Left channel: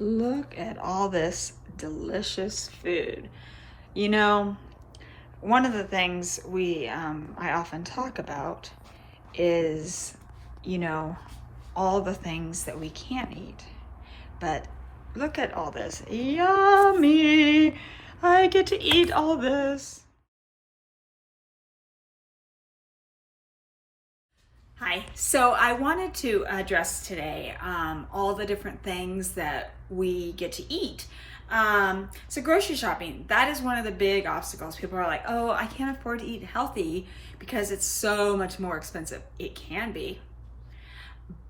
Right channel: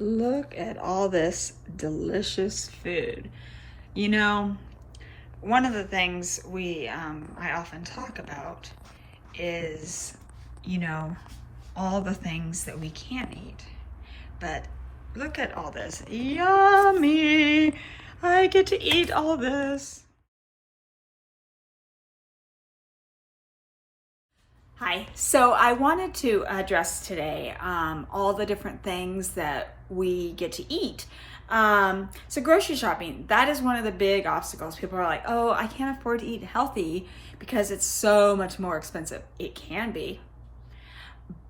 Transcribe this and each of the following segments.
Look at all this delicious food. You know, one of the things I often talk about is, all the things that we can't eat. But look at all this. Yummy! I get to eat all this. Hi, so I wanted to address today all the different things that we get to eat. So grocery shopping, that is one of the big obstacles. People are like, oh, I can't afford to eat healthy because it's so much more expensive. It can be,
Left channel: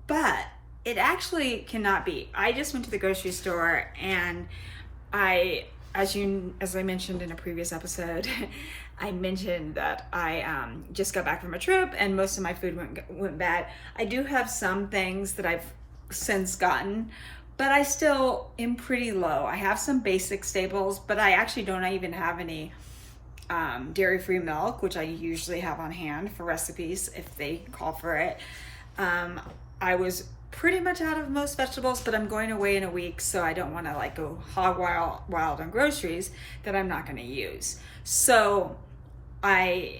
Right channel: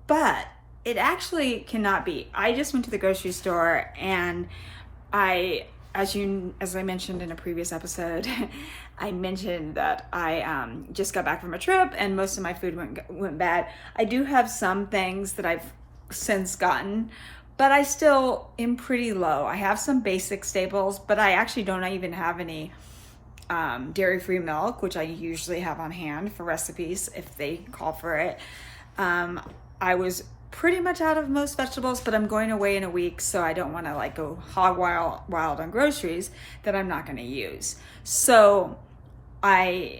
but it actually cannot be. I just went to the grocery store and as I mentioned in a previous episode, I mentioned that I just got back from a trip and most of my food went bad. I do have some things that I've since gotten, but I still am pretty low. I have some basic staples, but I actually don't even have any dairy-free milk, which I usually have on hand for recipes if they call for it. I was pretty much out of most vegetables, but I'm going away in a week, so I don't want to go hog wild on groceries that I'm not going to use. So I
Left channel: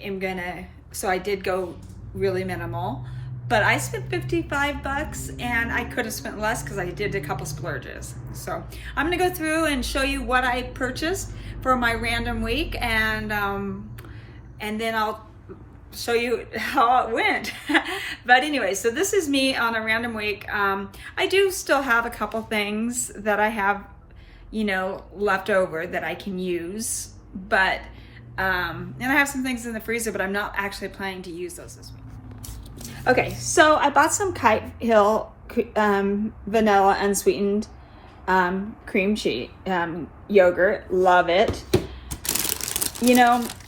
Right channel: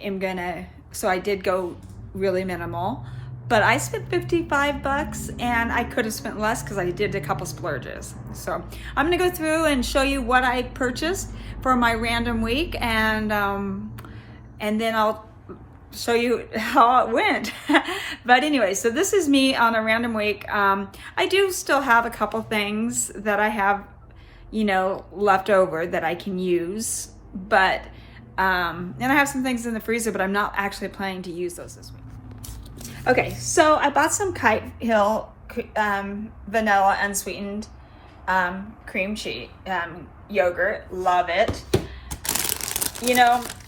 did go really minimal, but I spent $55 and I could have spent less because I did a couple splurges. So I'm going to go through and show you what I purchased for my random week, and then I'll show you how it went. But anyway, so this is me on a random week. I do still have a couple things that I have, left over that I can use, but and I have some things in the freezer, but I'm not actually planning to use those this week. Okay, so I bought some Kite Hill vanilla unsweetened cream cheese yogurt. Love it.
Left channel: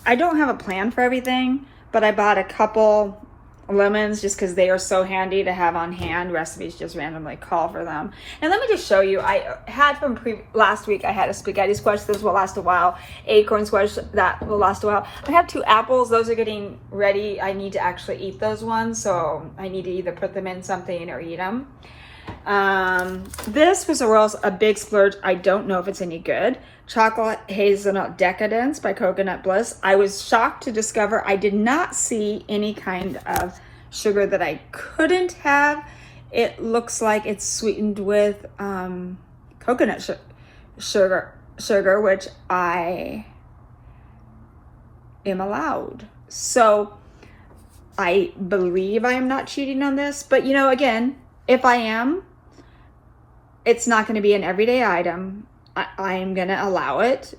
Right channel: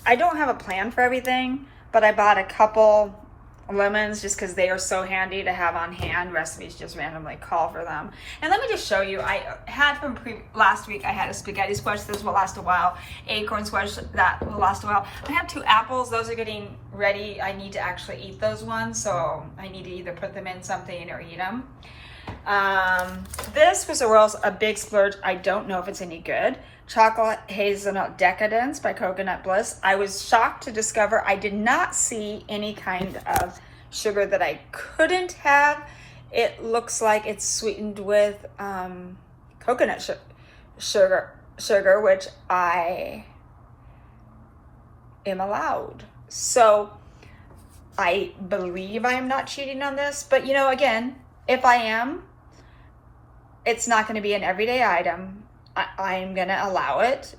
I don't have a plan for everything, but I bought a couple lemons just because they are so handy to have on hand. Recipes just randomly call for them. And let me just show you, I had from last week, I had a spaghetti squash. This will last a while. Acorn squash, that will last a while. I have 2 apples. Those are getting ready. I need to actually eat those ones, so I need to either put them in something or eat them. This was a big splurge. I don't know if it's any good. Chocolate Hazelnut Decadence by Coconut Bliss. I was shocked to discover I did not see any kind of sugar that I couldn't have. It looks like it's sweetened with coconut sugar, which I am allowed. So I believe I am not cheating on this, but again, if I am, it's not going to be an everyday item. I am going to allow it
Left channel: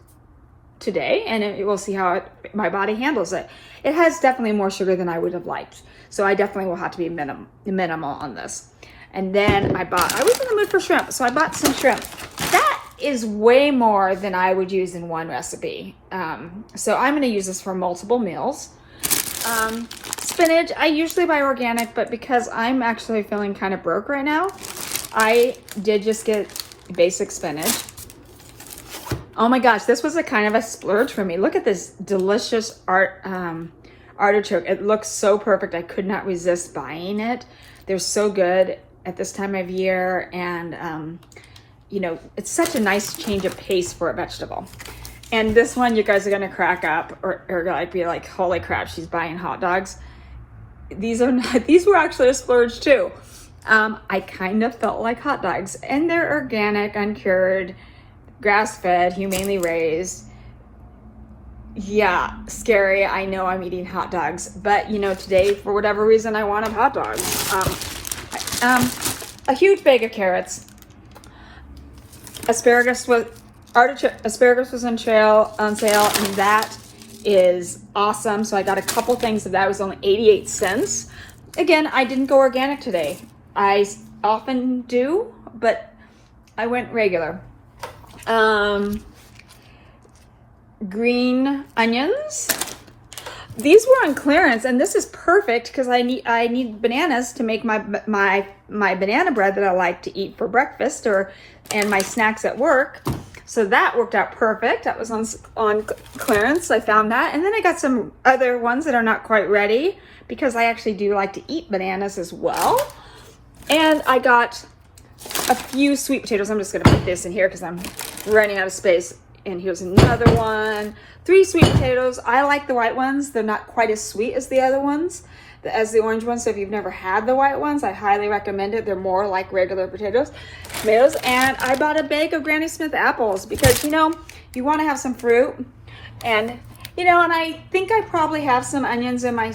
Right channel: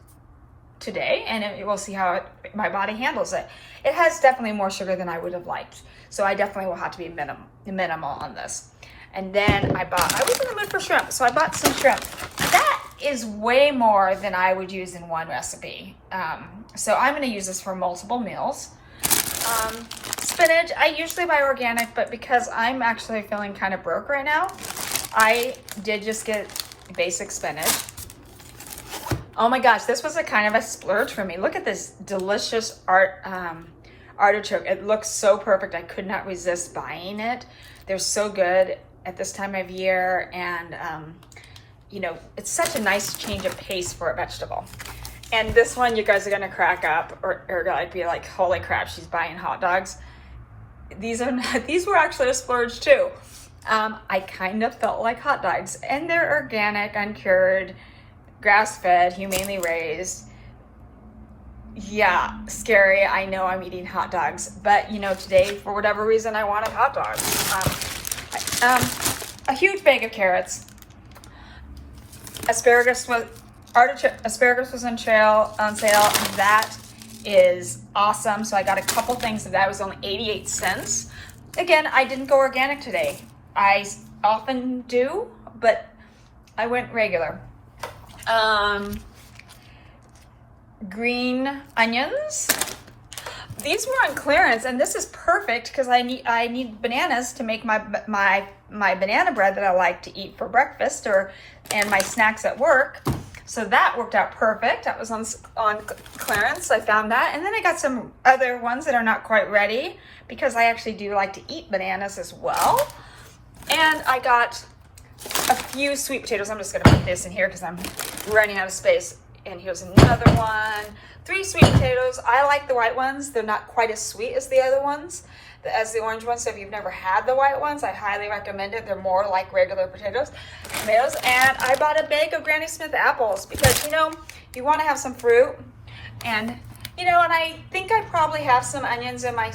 today, and we'll see how my body handles it. It has definitely more sugar than I would have liked, so I definitely will have to be minimal on this. And then I was in the mood for shrimp, so I bought some shrimp. That is way more than I would use in one recipe. So I'm going to use this for multiple meals. Spinach, I usually buy organic, but because I'm actually feeling kind of broke right now, I did just get basic spinach. Oh my gosh, this was a kind of a splurge for me. Look at this delicious artichoke. It looks so perfect. I could not resist buying it. They're so good at this time of year, and it's such a nice change of pace for a vegetable. And this one, you guys are gonna crack up, or gonna be like, holy crap, she's buying hot dogs. These were actually a splurge too. I kind of felt like hot dogs, and they're organic, uncured, grass-fed, humanely raised. Yeah, scary. I know I'm eating hot dogs, but today, for whatever reason, I wanted hot dogs. A huge bag of carrots. Asparagus was on sale, and that is awesome. So I got a couple things of that. It was only 88 cents. Again, I didn't go organic today. I often do, but I went regular. Green onions. These were on clearance, and this is perfect because I need bananas to make my banana bread that I like to eat for breakfast and my snacks at work. So that worked out perfect. That was on clearance. I found that, and then I got some other ones that are not quite ready because I actually do like to eat bananas as well. And I got a few sweet potatoes. I'm just gonna put this in here because I'm running out of space. And here's another one. 3 sweet potatoes. I like the white ones. They're not quite as sweet as the other ones, as the orange ones. So if you've never had the white ones, I highly recommend it. They're more like regular tomatoes. And I bought a bag of Granny Smith apples because, you know, you want to have some fruit. And, you know, and I think I probably have some onions in my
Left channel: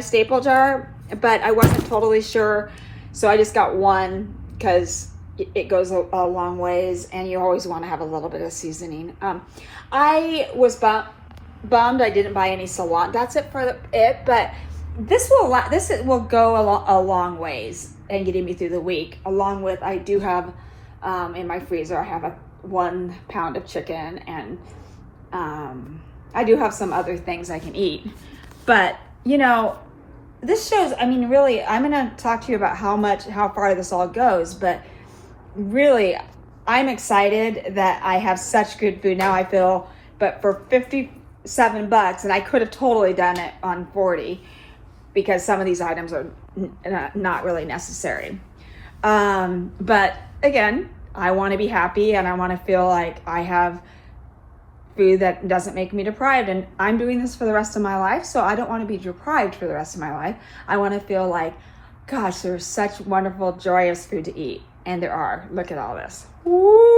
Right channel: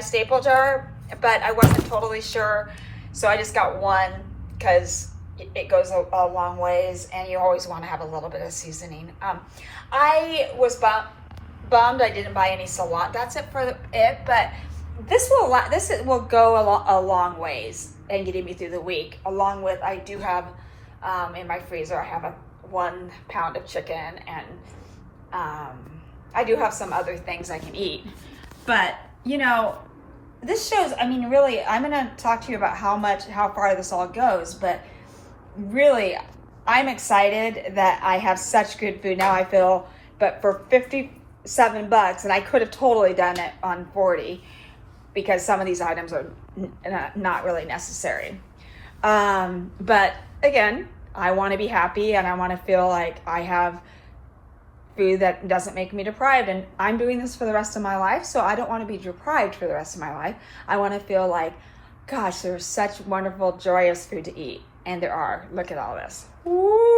staple jar, but I wasn't totally sure. So I just got one because it goes a long ways, and you always want to have a little bit of seasoning. I was bummed I didn't buy any cilantro. That's it for it, but this will go a long ways and getting me through the week. Along with, I do have in my freezer, I have 1 pound of chicken, and I do have some other things I can eat. But you know, this shows. I mean, really, I'm going to talk to you about how far this all goes, but really, I'm excited that I have such good food now. I feel, but for $57, and I could have totally done it on 40 because some of these items are not really necessary. But again, I want to be happy, and I want to feel like I have food that doesn't make me deprived. And I'm doing this for the rest of my life, so I don't want to be deprived for the rest of my life. I want to feel like, gosh, there's such wonderful, joyous food to eat. And there are. Look at all this. Woo!